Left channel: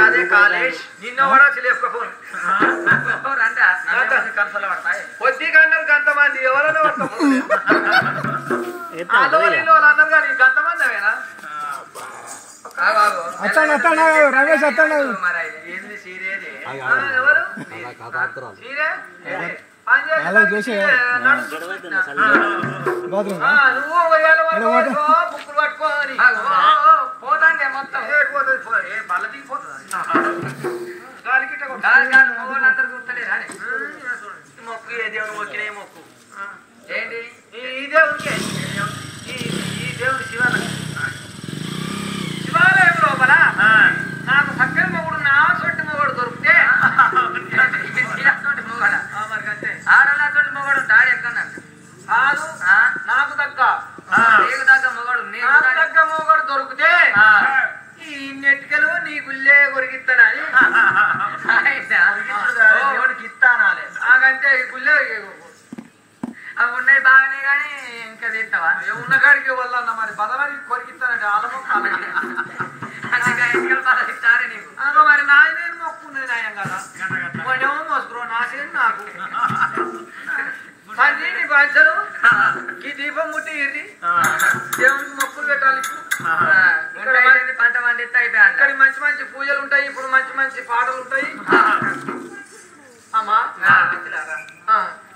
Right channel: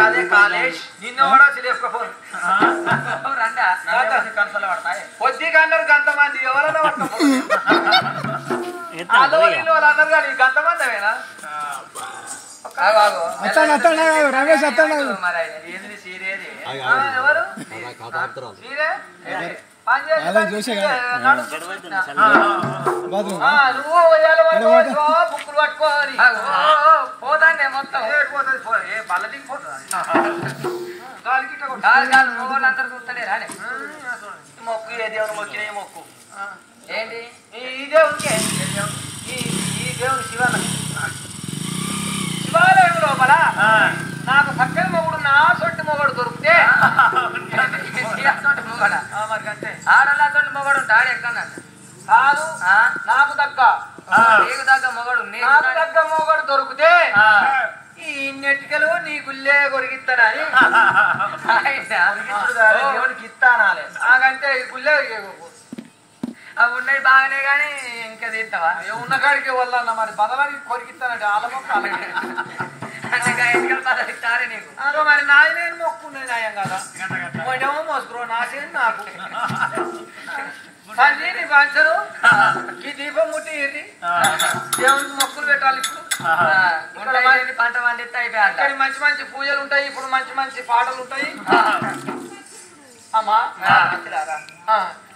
అదే కాలేజ్ నిన్న కూడా లేకపోను కొద్ది గంటలు గంతమంది ఎవరన్నా అన్నారు కానీ గంతమంది అవేనా రమేష్ ఏంది సీరియల్ ఎవరు బుక్కులు పట్టుకోవాలి పోతానే మొత్తం బల్ల దిగిపోతుంది అందరు చూస్తలే రాలే మొక్కు ఏ దేవుని మొక్కిన మొక్కు ఏంటి ఈ దేవునికి ఈ దేవుని శివాలయం లోపల నాకు చక్కని మొగుడు నా సొంటి మొగడు దొరికితే మొగడ ఆడలా సొంటి మొగడు ఉంటాడు ఎక్కడ కాదు నాకు తగ్గ నీకు తగ్గ మొగడు నాకు తగ్గ మొగడు దొరికితే ఈ నెట్టికలు నీ గుల్లే కొరికిస్తానని దేవుడికి ఇస్తానాలే నాకంటే గుల్లే అవి ఉన్నాయి బాగానే కానీ ఇంకా తింటావా ఉన్న కాడికి వల్ల మరి బదలకి కొరికిస్తానంటే వాళ్ళ మొక్క బదలిస్తారే నీకు మరి నాయన మొక్కున్నది నాయం కదా మొన్నేమో మోసుకురో నాశనం నాకు పంచి నీ పంచదు ఈ దీపం ముట్టి ఇర్రి దేవునికి మొక్కులు పెట్టాలి ఇప్పుడు పంట పండిస్తే అయిపోయాయి అక్కడ మంచి మంచి పూజలు ఉంటాయి ఇప్పుడు మంచి మంచి పాటలు ఉంటాయి అమ్మా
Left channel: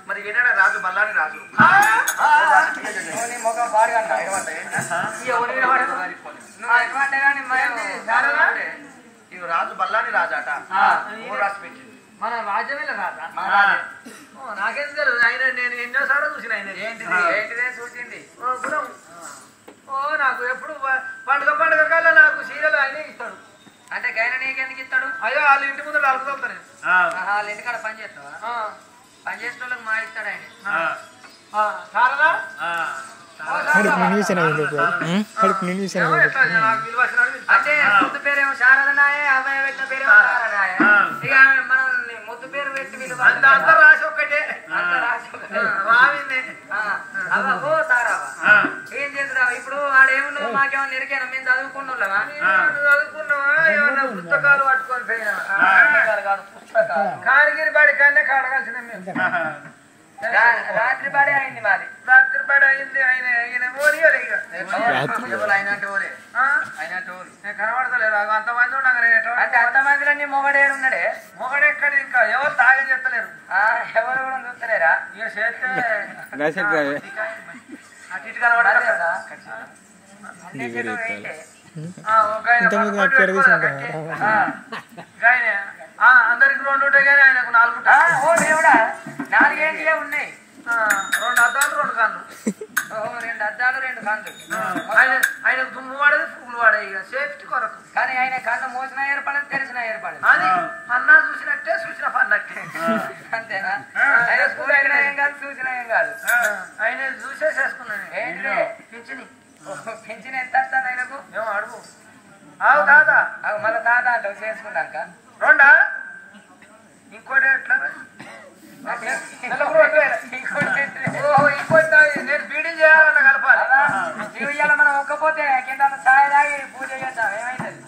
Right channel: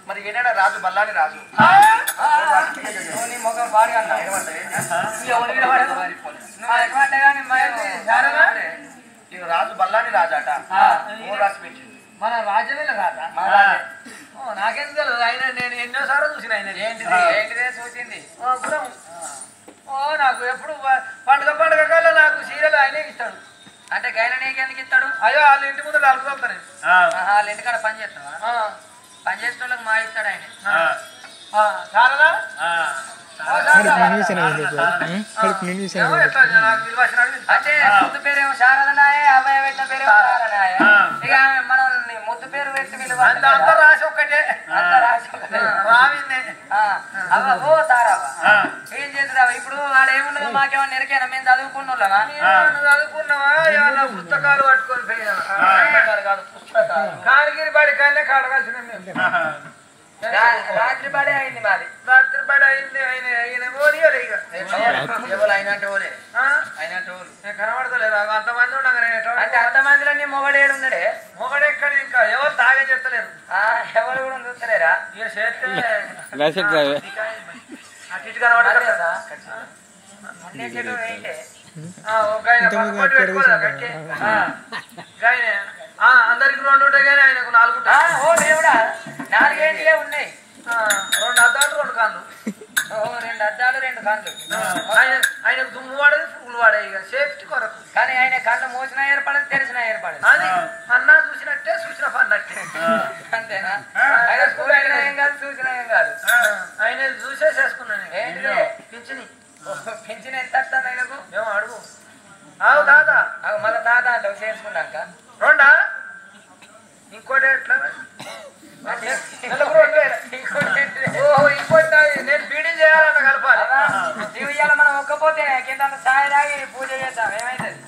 మరి ఏనాడా రాజు బల్లాని రాజు మొగం భారీ అన్న రాజు బల్లాని రాజు అట రాసి పెట్టి మన రాజ్యమే రాజా నాకేం తెలియదు ఆయన నేను ఎన్నోసార్లు చూసిన ఆయన ఏంటిదే చూసింది నాకు ఎప్పుడు పండుగ కల్లా నాకు సీరియల్ ఆయనే ఇస్తాడు అంటే గైన నీకెందుకు ఇస్తాడు అయ్యో వాళ్ళ ఇంటి ముందు అలుగుతాను వాళ్ళ ఇంటికాడ పని చేస్తావా పని చేసిన వాళ్ళకి మా ఇస్తాడు ఆయన చాలా అంటే ముద్దు పేరేమో శారదనాయ అబ్బాయి పెట్టిన పేరేమో తారనాయ ఇక ఆమె మనల్ని ముద్దు పేరు పెట్టి విలువ అంత రాసి ఒక్కటే అంత రాసి రావిందే ఓ తారావా ఏం చేస్తున్నావా ఇప్పుడు వాడు ఏమున్నదో మాకేమన్నా ఎరికైనా మేము చదువుకున్నావా చదువుకున్నావా ఏమన్నా పుస్తకాలు పట్టుకొని పోయినా కానగిరి బాడి కన్నా కాడగాల్సిన మేము రాత్రి పడే అయింది మాది రాత్రి పడే అయింది ఆయన ఓరియలే ఇక అయినంటే ఓరే అయినంటే ఓరు నేను కనబడతలేదు అంతమంది ఉండగా అంటే అంతమందిలో నీ మొగడేడు ఉన్నాడే మొగడెక్కడ ఇంకా ఎవరు తాగే చెప్తలేరు ఎవరు కూడా చూస్తలేరా ఇక చేస్తే అటు ఇటు కనబడతలేదా అందరికి 2 ఉంటాయి కానీ ఆయనకు 4 ఉంటాయి 4 ఏంటివే ఉన్నాయి 2 అద్దాలు 2 కాళ్ళు 2 అద్దాలు 2 కాళ్ళు ఆయనకు దుమ్ము వాడేది పువ్వులు వాడే ఇక సేఫ్టీ కొరకు కానీ ఆయన కళ్ళు మోసినా ఏర్పడదు తెరిసినా ఏర్పడదు అది అన్నా చూసినట్టే చూసిన పన్నట్టే అంతేనా ఆయన స్కూల్ అయినా ఏం కాదు చూసినా ఏం కాదు ఆయన చూసే చేసుకున్నాను ఏంటిదే పింఛన్ ఎంత వస్తాను ఆయనకు మేము అడుగు అవు తాత మళ్ళీ తాత అంటే చేసుకున్నాక 2 ఇంకోటి ఎట్లా ఇంకోటి నేను బీడీ చేయాలన్న కలపాలి జీవియాల మనం ఒక్కపోతే కింద ఛాయ్ తాగి పూజ చేద్దాం ఏమైతుంది